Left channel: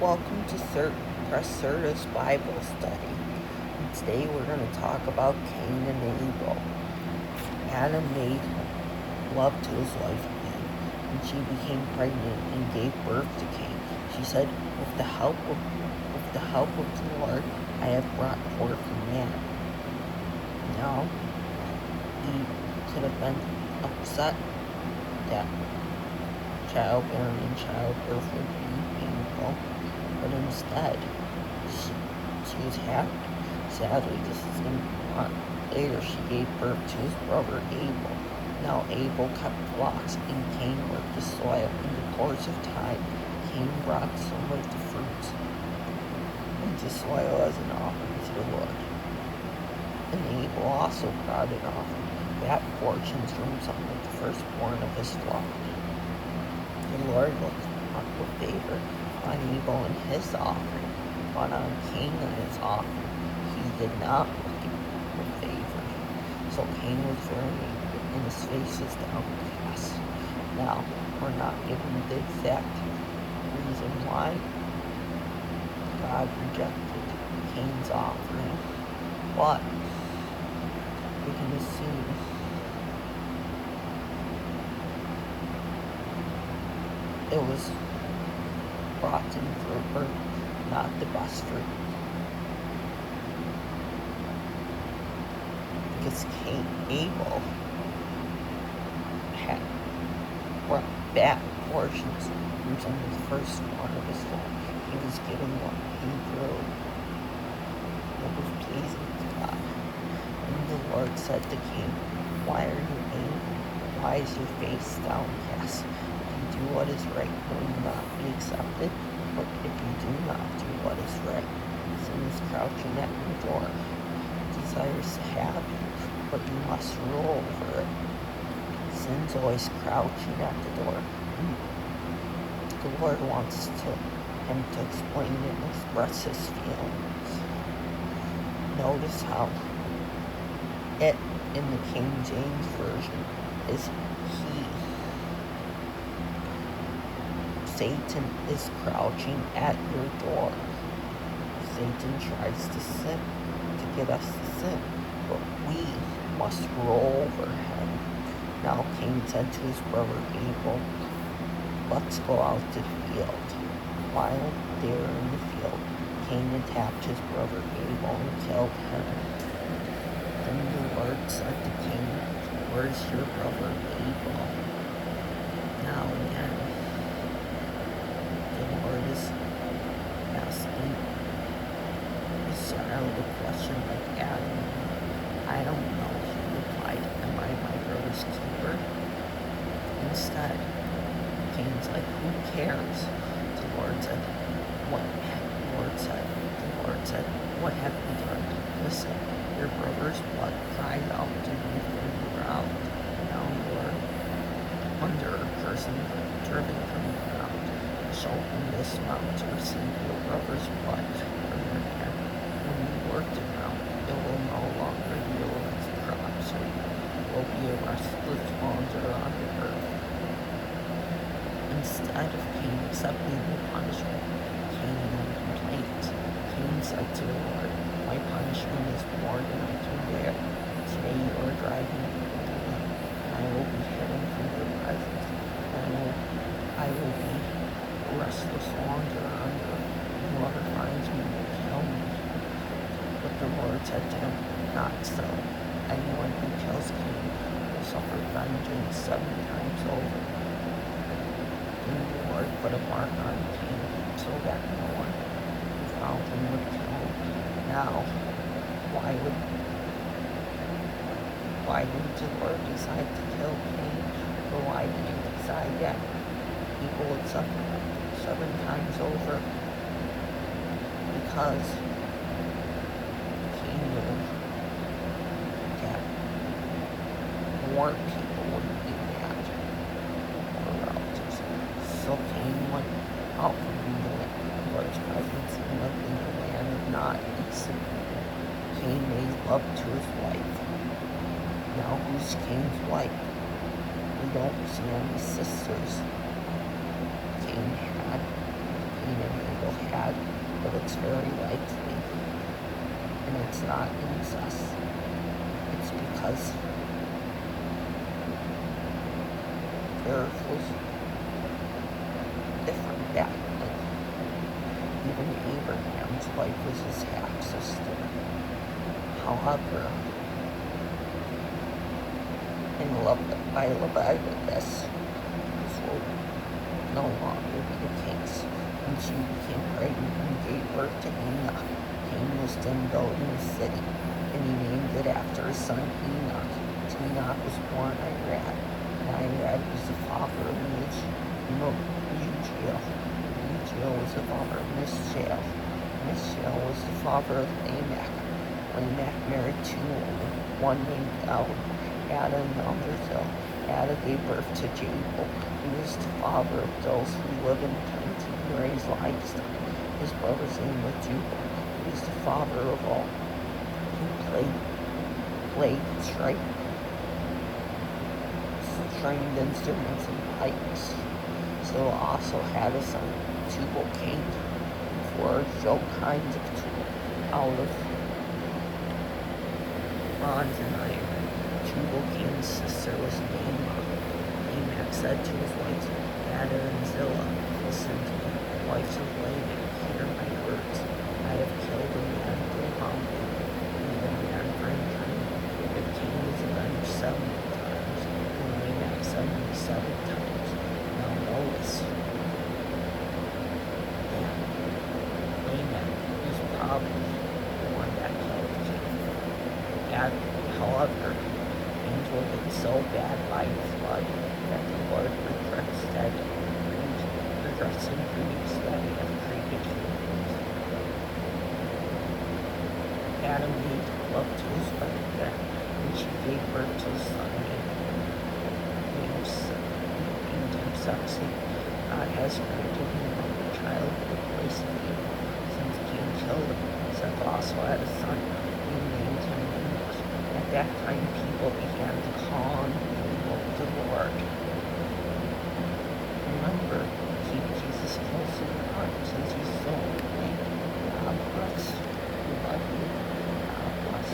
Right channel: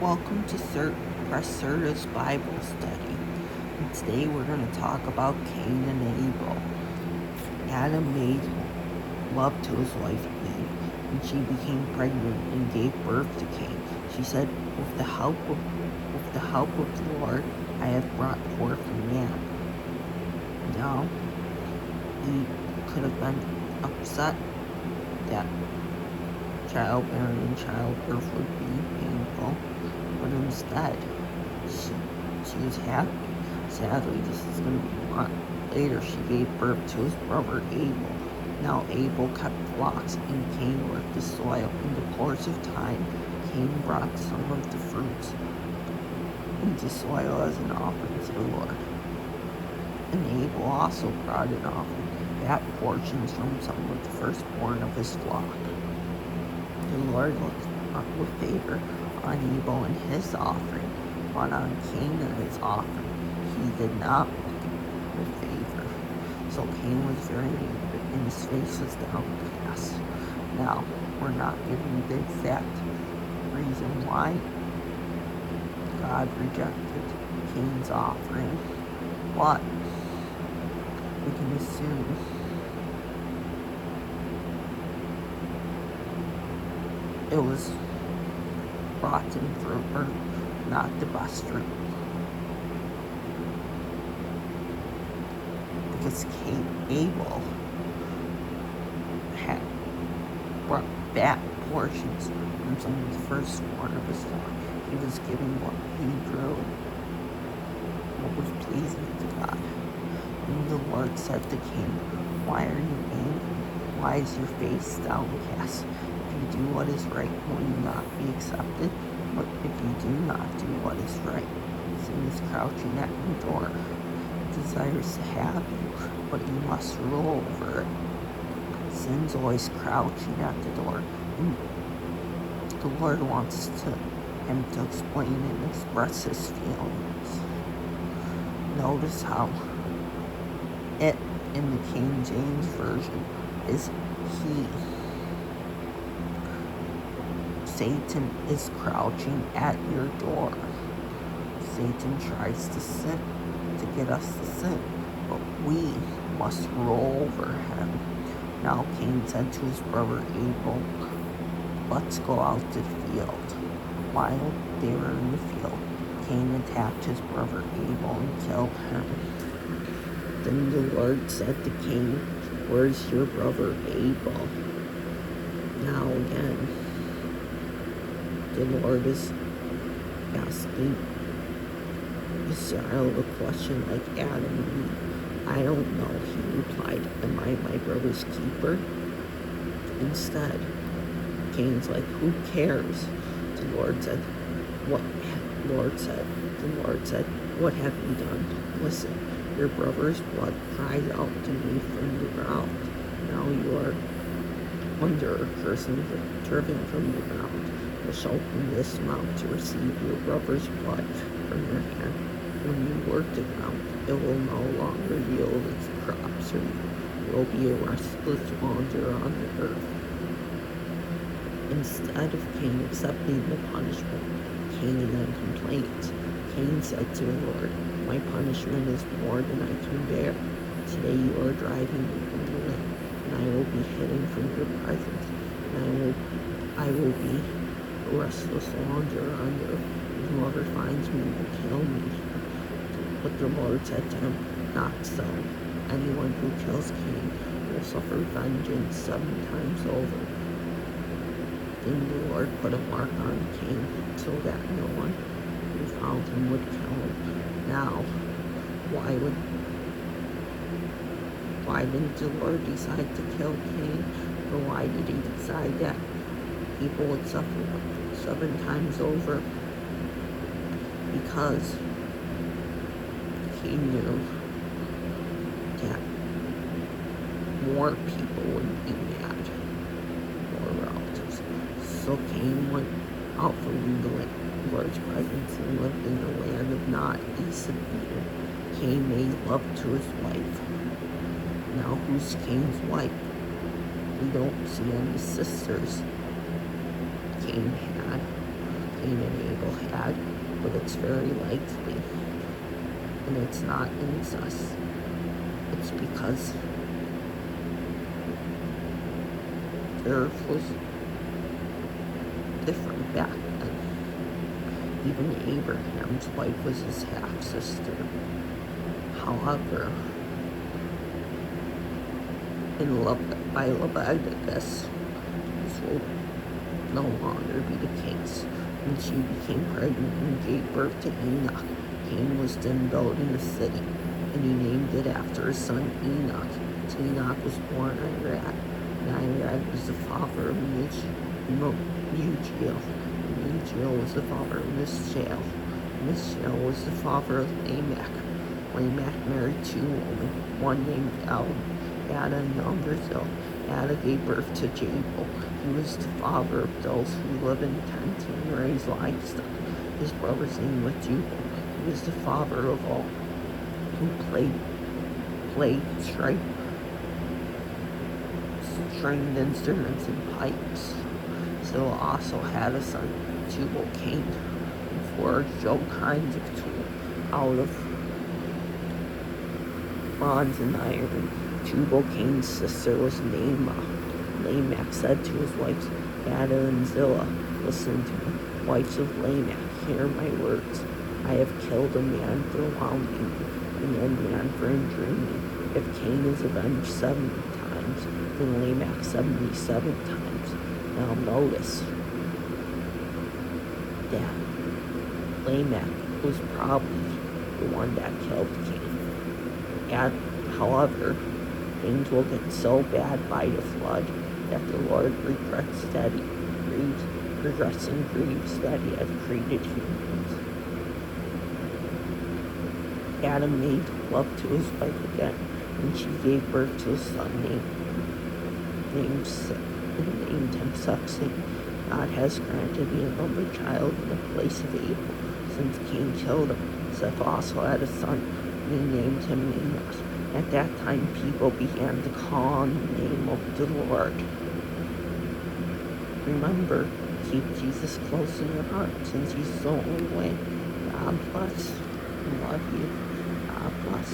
Welcome to Pres Cerda's Bible study. And today we're going to talk about Cain and Abel. Adam made love to his wife Eve, and she became pregnant and gave birth to Cain. She said, with the help of the Lord, I have brought forth a man. Now, Eve could have been upset that childbearing and childbirth would be painful, but instead, she was happy. Sadly, this is going to be a lot later. She gave birth to his brother Abel. Now Abel kept flocks, and Cain worked the soil. In the course of time, Cain brought some of the fruits into soil as an offering to the Lord. And Abel also brought an offering, fat portions from some of the firstborn of his flock. The Lord looked up with favor on Abel and his offering, but on Cain and his offering he did not look with favor. So Cain was very angry, and his face was downcast. Now, we're not given the exact reason why God rejected Cain's offering, but we can assume it was rotten fruit, or not the best fruit. Because Abel had brought fat portions from some of the firstborn of his flock. He was giving what he grew, what was pleasing to God. And the Lord said to Cain, why are you angry? Why is your face downcast? If you do what is right, will you not be accepted? But if you do not do what is right, sin is crouching at your door. It desires to have you, but you must rule over it. Sin's always crouching at the door, and the Lord wants him to explain and express his feelings. Notice how it in the King James Version is he. Satan is crouching at your door. Satan tries to sin, to get us to sin, but we must rule over him. Now Cain said to his brother Abel, let's go out to the field. While they were in the field, Cain attacked his brother Abel and killed him. Then the Lord said to Cain, where's your brother Abel? Now again, the Lord is asking his child a question like Adam. I don't know, he replied. Am I my brother's keeper? Instead, Cain's like, who cares? The Lord said, what? The Lord said, what have you done? Listen, your brother's blood cried out to me from the ground. Now you are under a curse and driven from the ground. You shall open this mouth to receive your brother's blood from your hand. When you work the ground, it will no longer yield its crops, and you will be a restless wanderer on the earth. Instead of Cain accepting the punishment, Cain then complained. Cain said to the Lord, my punishment is more than I can bear. Today you are driving me from the way, and I will be hidden from your presence, and I will be a restless wanderer on earth, and whoever finds me will kill me. But the Lord said to him, not so. Anyone who kills Cain will suffer vengeance 7 times over. Then the Lord put a mark on Cain so that no one who found him would kill him. Now, why didn't the Lord decide to kill Cain? Or why did he decide that people would suffer 7 times over? Because he knew that more people wouldn't be mad, more relatives. So Cain went out from the Lord's presence and lived in a land of not decent people. Cain made love to his wife. Now who's Cain's wife? We don't see any sisters. Cain and Abel had it's very likely, and it's not incest. It's because Earth was different back then. Even Abraham's wife was his half-sister. However, by Leviticus, this will no longer be the case. When she became pregnant and gave birth to Enoch, Cain was then building a city, and he named it after his son Enoch. To Enoch was born Irad, and Irad was the father of Uziel. Uziel was the father of Mishael. Mishael was the father of Lamech. Lamech married two women, one named Ada and the other Zil. Ada gave birth to Abel. He was the father of those who lived in tents and raised livestock. His brother's name was Jubal. He was the father of all who played stringed instruments and pipes. Zil also had a son, Jubal Cain, who forged all kinds of tools out of bronze and iron. Jubal Cain's sister was Naamah. Lamech said to his wives, Ada and Zillah, listen to me, wives of Lamech, hear my words. I have killed a man for wronging and a man for injuring me. But Cain is avenged 70 times, and Lamech 77 times. Now notice that Lamech was probably the one that killed Cain. However, things will get so bad by the flood that the Lord regrets and grieves that he has created humans. Adam made love to his wife again, and she gave birth to a son named him Samson. God has granted me another child in the place of Abel, since Cain killed him. Seth also had a son, and named him Enoch. At that time, people began to call on the name of the Lord. Remember, keep Jesus close in your heart, since he's the only way. God bless. We love you. God bless.